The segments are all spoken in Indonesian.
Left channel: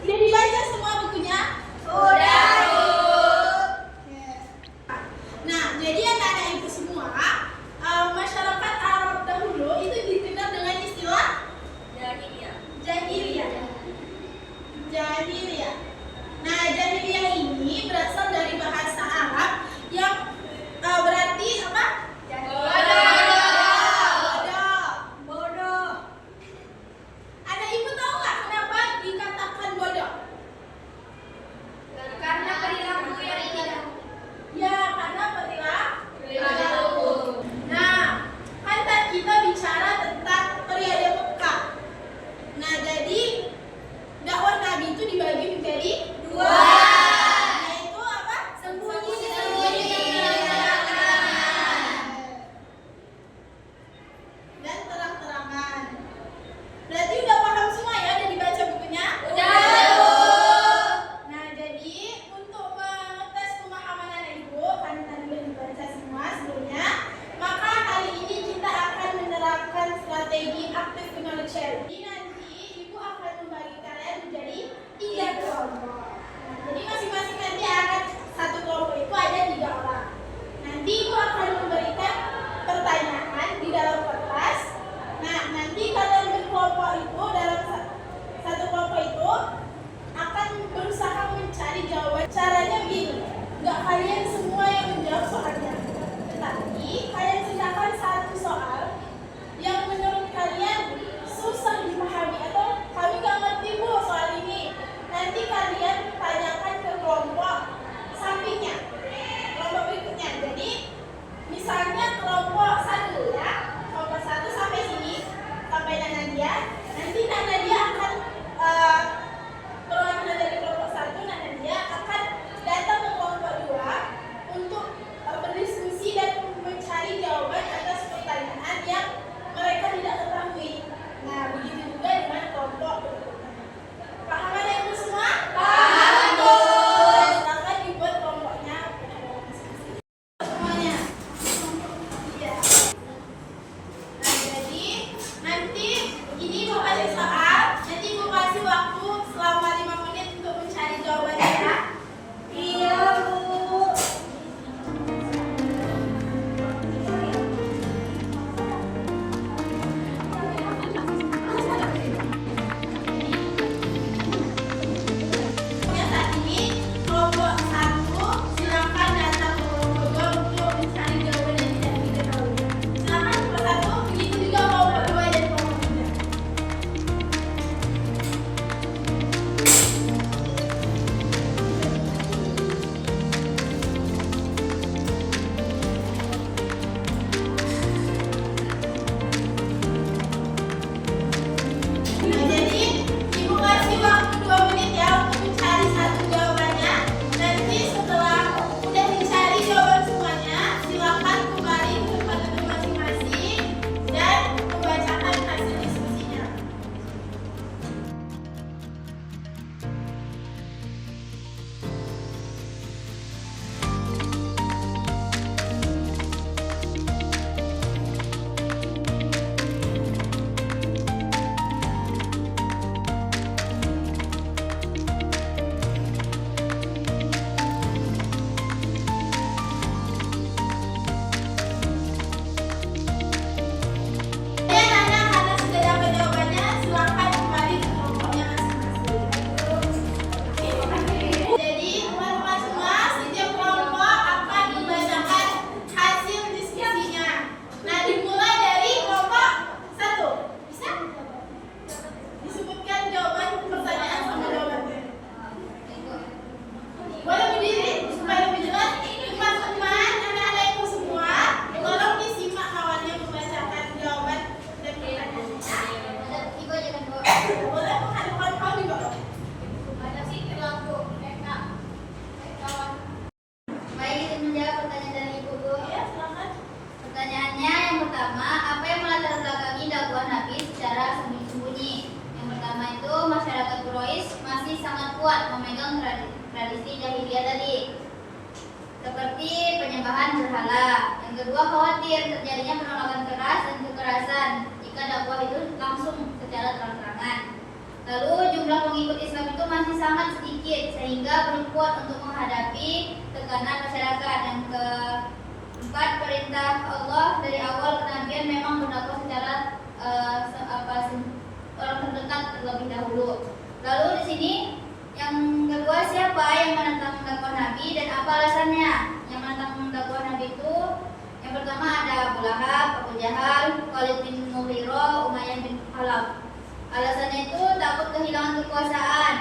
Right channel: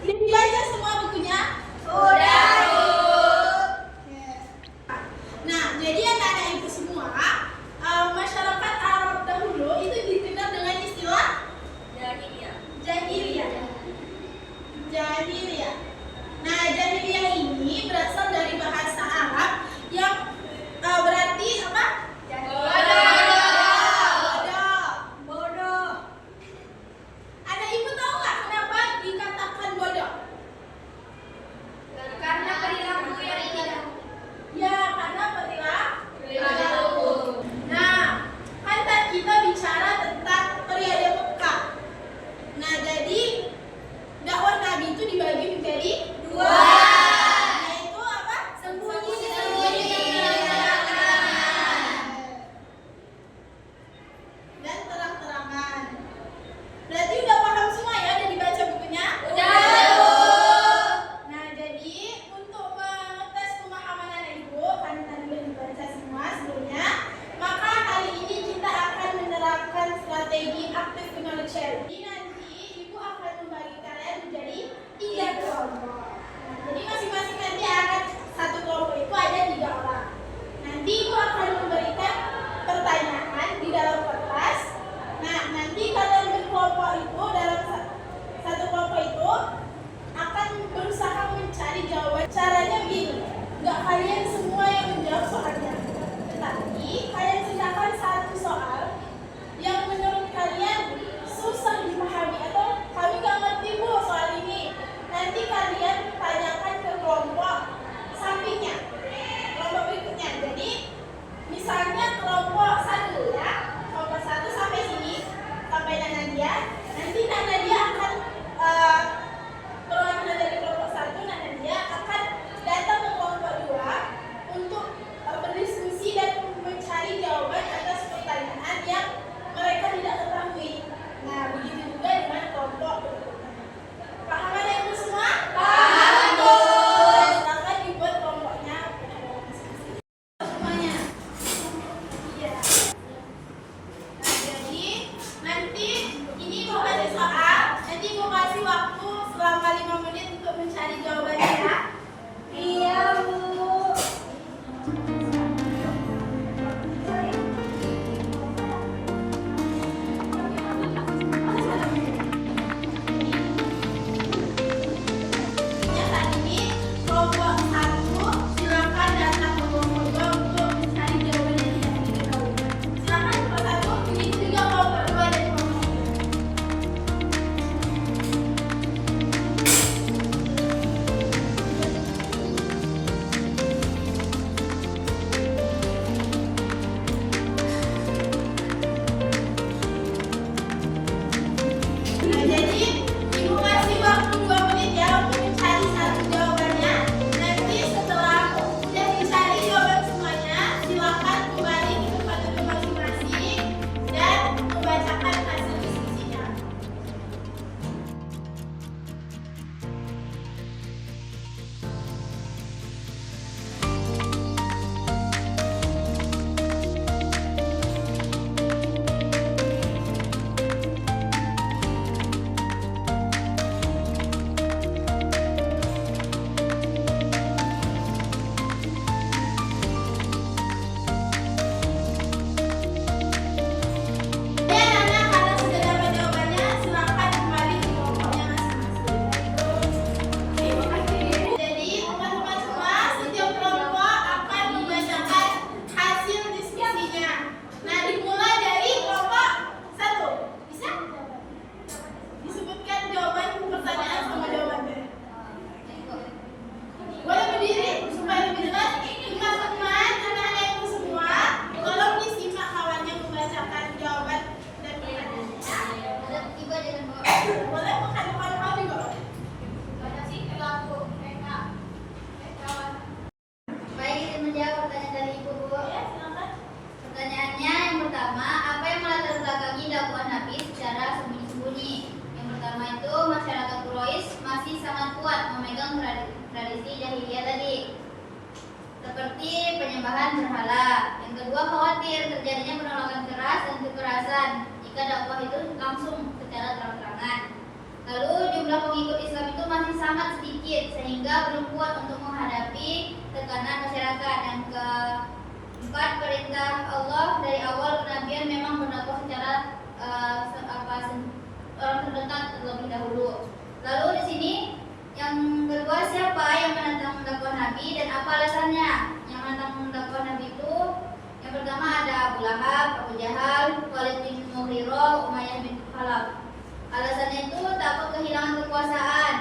Udah dibaca semua bukunya? Udah, Bu. Nah, jadi anak-anak ibu semua, masyarakat Arab dahulu itu dikenal dengan istilah Jahiliyah. jahiliyah. Jahiliyah. Nah, jahiliyah ini berasal dari bahasa Arab yang berarti apa? Bodoh. Anak ibu tahu nggak kenapa dikatakan bodoh? Karena perilaku yang tidak. Ya, karena Perilaku. Nah, kan tadi kita bicara tentang periode Mekah. Nah, jadi dakwah Nabi itu dibagi menjadi dua. Yaitu apa? Sembunyi. Dan terang-terangan. Berarti udah paham semua ya? Udah dibaca bukunya? Udah, Bu. Nah, jadi untuk mengetes pemahaman anak ibu, kan tadi udah dibaca semua sebelumnya, maka hari ini kita akan menerapkan strategi active knowledge sharing. Jadi nanti ibu akan membagi kalian menjadi 3 kelompok. Nah, jadi masing-masing nanti akan satu kelompok itu ada 3 orang. Nanti ibu akan memberikan pertanyaan di dalam kertas. Nah, nanti kalian berkelompok itu dalam satu kelompok itu akan berusaha mencari jawaban. Caranya begini, nggak kalian semua yang menjawab soalnya, tetapi kalian ciptakan satu soal yang menurut kalian susah dipahami atau kami nggak ngerti bu soal ini. Nanti kalian tanyakan ke kelompok sampingnya, kelompok berikutnya. Jadi misalnya kelompok 1 ya, kelompok 1 sampai sini, sampai Nana dia. Nanti Nana dia akan perwakilan dari kelompok 1, Nana dia akan datang ke kelompok 2 untuk berdiskusi dan mencari jawaban atas pertanyaan yang mereka tidak ketahui. Nah, begitu juga dengan kelompok berikutnya. Paham ada ibu semua? Paham, Bu. Silakan dibuat kelompoknya semuanya. Iya. Nah, jadi nanti ini mau ada soal, nanti mau kasih waktu selama 5 menit untuk mencari jawabannya ya. Iya, Bu. Ya, saat ini kelompok 1 silakan datang ke kelompok 2 untuk mencari jawaban yang tidak diketahui. Silakan kelompok 1, begitu juga kelompok 2 dan kelompok 3. Nah, jadi ibu kasih waktu 2 menit ya untuk mencari satu jawabannya. Nanti setelah udah dicari jawaban semuanya, silakan kembali ke tempat duduk masing-masing dan membacakan hasil diskusinya. Ya, Nana, karena sudah dapat jawabannya, silakan kembali ke kelompoknya masing-masing. Jadi, teman-teman semua, setiap kelompok akan membacakan hasil diskusinya. Nah, dimulai dari kelompok 1. Bisa? Disebutkan jawaban pertanyaan sama jawabannya. Boleh berdiri supaya lebih jelas. Teman-teman, anak-anak ibu semua, tolong disimak kawannya membacakan jawaban dan pertanyaannya. Ibu aja kan, Bu. Boleh menghadapkan kau juga. Baik, itu menjawab pertanyaan dari Ibu, Bu. Ya, silakan. Pertanyaannya yang pertama, apa yang melatar belakangi dakwah Nabi secara sembunyi-sembunyi? Yang pertama itu masyarakat Quraisy masih sangat kuat memegang tradisi jahiliyah tadi, seperti penyembahan berhala. Yang kedua, khawatir terjadinya penolakan keras dan kekerasan jika dakwah itu langsung secara terang-terangan. Lalu jumlah jumlah pengikut Islam itu masih sangat sedikit sehingga belum kuat untuk menghadapi tekanan masyarakat. Yang keempat, perintah Allah dari awal kenabian memang berdakwah secara orang terdekat terlebih dahulu. Lalu di sini yang kedua, siapa yang menentang dakwah Nabi dan apa alasannya? Yang menentang dakwah Nabi itu yang pertama ada Abu Lahab, Abu Jahal, Walid bin Mughirah, Umayyah bin Khalaf. Alasannya itu takut kehilangan kekuasaan,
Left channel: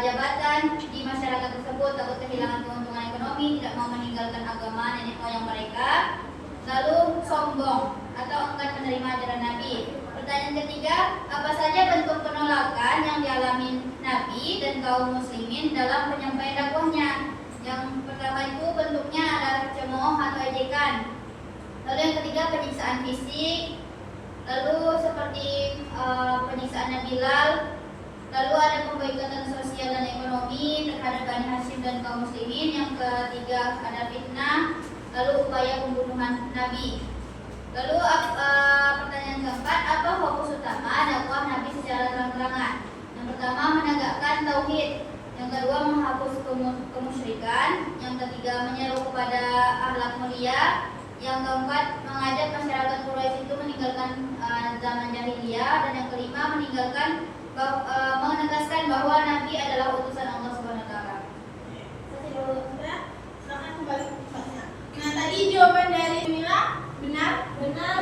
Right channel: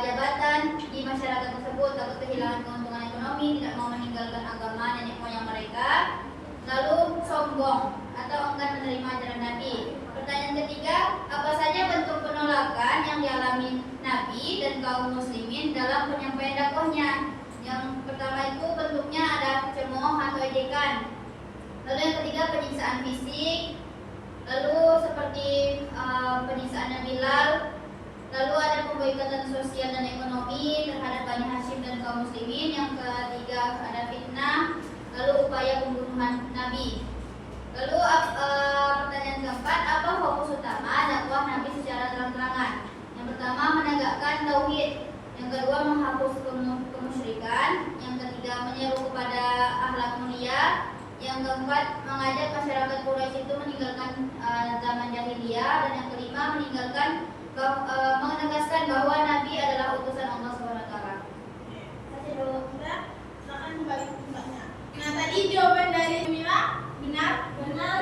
jabatan di masyarakat tersebut, takut kehilangan keuntungan ekonomi, tidak mau meninggalkan agama nenek moyang mereka. Lalu sombong atau enggan menerima ajaran Nabi. Pertanyaan ketiga, apa saja bentuk penolakan yang dialami Nabi dan kaum muslimin dalam penyampaian dakwahnya? Yang pertama itu bentuknya ada cemooh atau ejekan. Lalu yang ketiga, penyiksaan fisik. Lalu seperti penyiksaan Nabi Bilal. Lalu ada pemboikotan sosial dan ekonomi terhadap Bani Hashim dan kaum muslimin. Yang ketiga ada fitnah. Lalu upaya pembunuhan Nabi. Lalu pertanyaan keempat, apa fokus utama dakwah Nabi secara terang-terangan? Yang pertama, menegakkan tauhid. Yang kedua, menghapus kemusyrikan. Yang ketiga, menyeru kepada akhlak mulia. Yang keempat, mengajak masyarakat Quraisy itu meninggalkan zaman jahiliyah. Dan yang kelima, menegaskan bahwa Nabi adalah utusan Allah SWT. Kasih dulu, silakan kembali ke tempatnya. Nah, tadi jawaban dari Mila benar. Benar.